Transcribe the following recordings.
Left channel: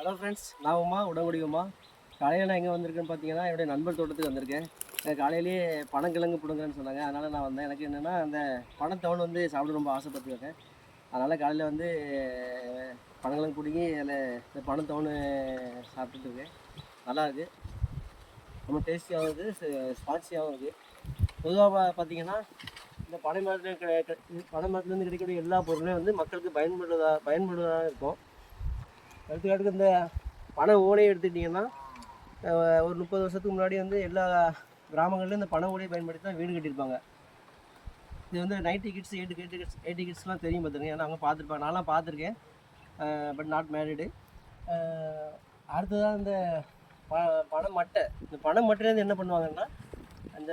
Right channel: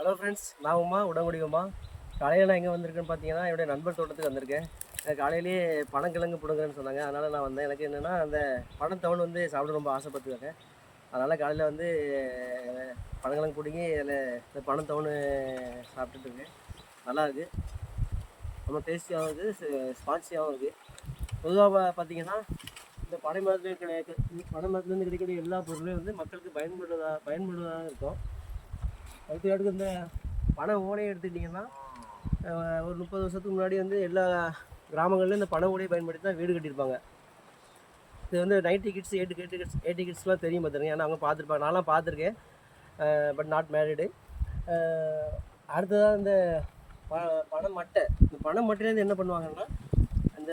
Hello friends, நான் உடம்புடி உமா. காலையில் நான் எங்கே வந்திருக்கேன்னு பார்த்தீங்கன்னா, என்னுடைய நண்பர் தோட்டத்துக்கு வந்திருக்கேன். காலையிலேயே பனங்கிழங்கு பிடுங்குறேன்னு சொன்னாங்க. அதனால் நான் வந்தேன். எனக்கு என்னென்னா அந்த பனத்தவன் வந்து சாப்பிட ரொம்ப ஆசைப்பட்டுருக்கேன். அதனால் காலையில் வந்து பனங்கிழங்கு பிடுங்கி அதில் இந்த பனத்தவன் சாப்பிட்டுட்டு இருக்கேன். நல்லாயிருக்கு, ரொம்ப டேஸ்டியாகவும் இருக்குது, ஸ்பான்சியாகவும் இருக்குது. பொதுவாக பார்த்தீங்கன்னா இந்த பனை மரத்துலேருந்து கிடைக்கக்கூடிய எல்லா பொருளும் வந்து மக்களுக்கு பயன்படுவதாக இருக்கும். எடுத்துக்காட்டுக்கு இந்த பனை ஓலையை எடுத்துக்கிட்டிங்கன்னா, ஒரு 30 வருஷத்துக்கு முன்னாடி வந்து எல்லா கிராமங்கள்லையும் இந்த பனை ஓலையை பயன்படுத்தி தான் வீடு கட்டியிருப்பாங்க. இது வந்து 90 கிட்ஸ் 80 கிட்ஸ்லாம் தெரியும் பார்த்துருங்க. ஏன்னா அவங்க பார்த்துருப்பாங்க, நான்லாம் பார்த்துருக்கேன், பட் நாட் மேரிடு. அடுத்ததாக இந்த பனை மட்டை, இந்த பனை மட்டையிலேருந்து என்ன பண்ணுவாங்கன்னா, அந்த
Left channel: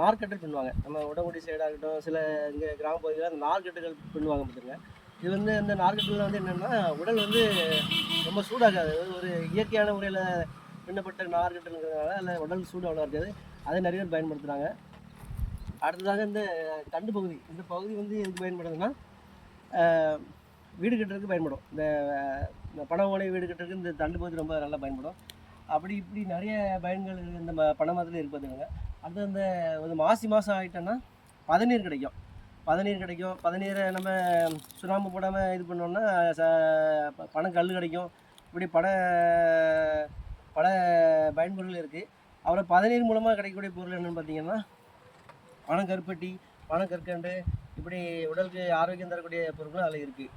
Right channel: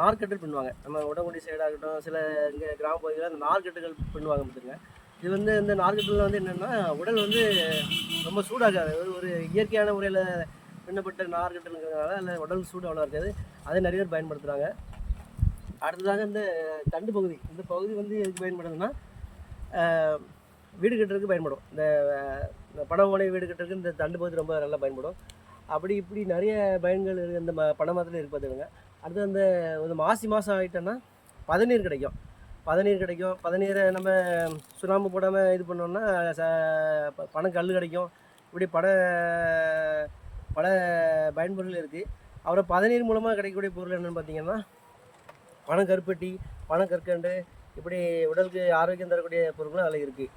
நார்க்கட்டல் பண்ணுவாங்க. நம்ம உடம்புடி சைடாகட்டும், சில இங்கே கிராம பகுதியில் அந்த நார்க்கட்டுகள் பண்ணுவாங்க பார்த்துருங்க. இது வந்து இந்த நார்க்கட்டலில் வந்து என்னென்னா, உடல் வந்து ரொம்ப சூடாகாது. ஒரு இயற்கையான முறையில் பின்னப்பட்ட நார்க்கட்டலுங்கிறதுனால அதில் உடல் சூடு அவ்வளோ இருக்காது. அதை நிறைய பேர் பயன்படுத்துகிறாங்க. அடுத்ததாக இந்த தண்டு பகுதி, இந்த பகுதி வந்து எதுக்கு பயன்படுதுன்னா, வீடு கட்டுறதுக்கு பயன்படும். இந்த பனை ஓலை வீடு கட்டுறதுக்கு இந்த தண்டு பகுதி ரொம்ப நல்லா பயன்படும். அப்படி இப்படி நிறைய பயன்கள் இந்த பனை மரத்தில் இருக்குது பார்த்துக்கோங்க. அடுத்து அந்த ஒரு மாதம் ஆகிட்டோன்னா பதநீர் கிடைக்கும். பதநீரை நம்ம சுண்ணாம்பு போடாமல் இது பண்ணோம்னா பனங்கல் கிடைக்கும். இப்படி பல பயன்பொருள் இருக்குது. அப்புறம் பதநீர் மூலமாக கிடைக்கக்கூடிய பொருள் என்னென்னு பார்த்தீங்கன்னா, பனங்கருப்பட்டி, பனங்கற்கண்டு, இப்படி உடலுக்கு ஆரோக்கியம் தரக்கூடிய பொருட்களும் அதில் இருக்குது.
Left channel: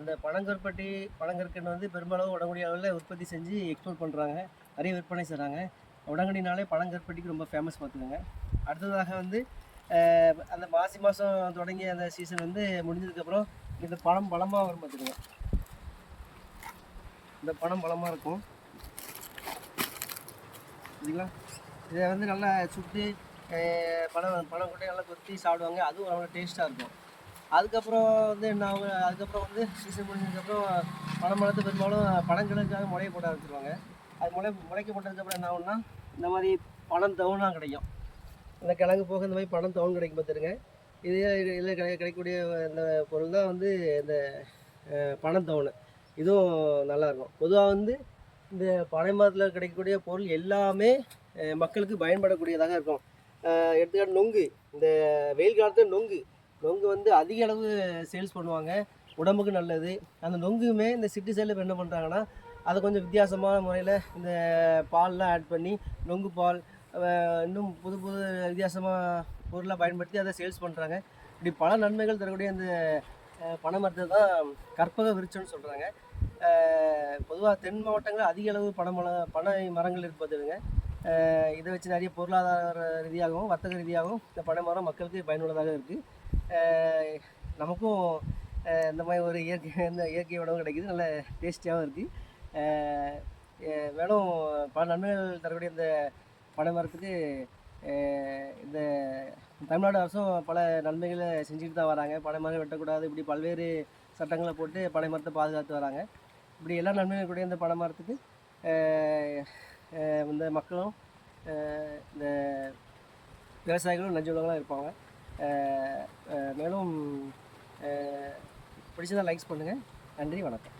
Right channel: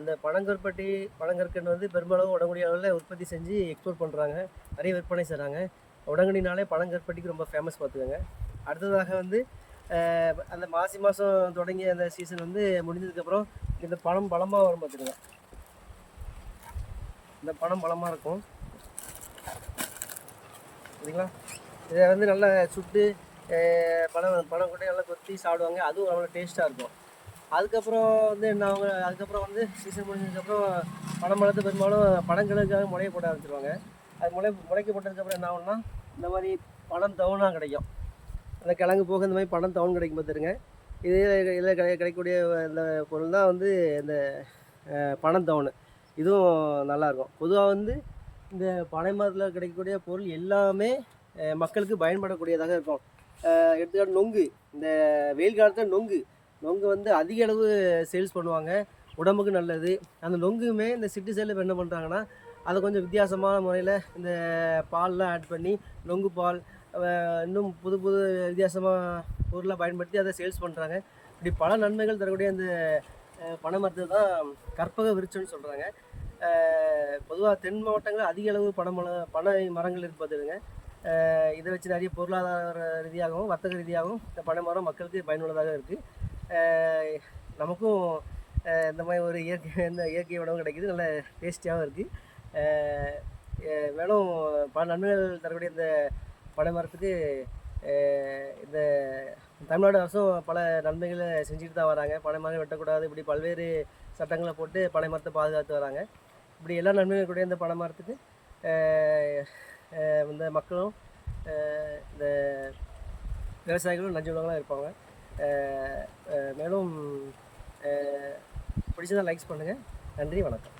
இந்த பனங்கற்கண்டு வந்து பெரும்பாலும் உடம்புடைய அளவில் உற்பத்தி செஞ்சு எக்ஸ்போர்ட் பண்ணுறாங்க, நிறைய விற்பனை செய்கிறாங்க. உடங்குடினாலே பனங்கற்பட்டிக்கு ரொம்ப ஃபேமஸ் பார்த்துக்கோங்க. அடுத்ததாக வந்து அந்த மாதம் தொடங்கி அந்த சீசன் வந்து முடிஞ்சதுக்கப்புறம் இந்த பழம் பழமாக வரும் பார்த்துக்கோங்க. இந்த பழம் பழமாக இருக்கும் சரிங்களா. இதை வந்து நல்லா சுட்டு பழம் கூட நல்லா கொத்தி சாப்பிடுவாங்க. அதுவும் அவ்வளோ டேஸ்ட்டாக இருக்கும். அதுக்கப்புறம் வந்து என்ன ஆகும், அதுக்கப்புறம் வந்து சீசன் முடிஞ்சதுக்கப்புறம் பழத்தை பெரும்பாலும் பழங்களுக்காக முளைய போட ஆரம்பிச்சிருவாங்க. அது முளைக்க போட்டதுக்கப்புறம் என்ன ஆகும்னா, இந்த மாதிரி பனந்தவனாக கிடைக்கும். இந்த கிழங்கு போக இந்த மாதிரி பனந்தவன் கிடைக்கும் பார்த்துருங்க. இதில் கிடைக்கக்கூடிய இந்த பொருள் தான் வந்து இந்த பனந்தவன். இதுவும் நல்லாயிருக்கும். பொதுவாக வந்து இந்த பனை மரத்தில் கிடைக்கக்கூடிய பொருள் எல்லாமே மக்களுக்கு பயன்படக்கூடியதாக இருக்கும். எடுத்துக்காட்டு நொங்கு, இந்த வெயில் காலத்தில் நொங்கு வந்து அதிக அளவு சேல்ஸ் பண்ணுவாங்க, உடம்புக்கு நல்லது. அந்த நொங்குமே இந்த சிட்டி சைடில் என்ன பண்ணுறாங்கன்னா, அதை கொஞ்சம் வித்தியாசமான முறையில் இந்த பால்லாம் ஆட் பண்ணி நொங்கு பால், இன்னும் புது வித்தியாசமாக பொருளாக பயன்படுத்தி அதை சேல்ஸ் பண்ணுறாங்க. இப்படி பல நன்மைகள் தரக்கூடிய இந்த பனை மரத்தை தான் கற்பக விருட்சம்னு சொல்கிறாங்க. பொதுவாக தென் மாவட்டங்களில் அதிக அளவு பனை மரங்கள் இருப்பதுங்க. இதை வச்சு நிறைய பொருளாதார ரீதியாகவும் வர்த்தக ரீதியாகவும் இந்த பனை மரம் மக்களுக்கு பயனுள்ளதாக இருக்குது. நமக்கும் இந்த மாதிரி ஒரு இயற்கை உணவு கிடைக்கிது, நல்ல டேஸ்டியாகவும் இருக்குது. மேலும் பல நன்மைகள் தரக்கூடிய இந்த பனை மரத்துக்கு இந்த தமிழ்நாடு அரசும் பல நன்மைகளை செஞ்சுட்டு தான் வராங்க. பனை மரம் வெட்டக்கூடாது, இப்படி பல்வேறு சட்டங்களை போட்டு பனை மரத்தை பாதுகாத்து வராங்க. இப்படி எல்லா நன்மைகள் கூட இந்த பனை மரத்துக்கு இந்த மக்களும் இந்த விவசாயிகளும் நஞ்சு இருப்பாங்க. மேலும் பிடிச்சதாக லைக்ஸ் பண்ணுங்கள். நன்றி, வணக்கம்.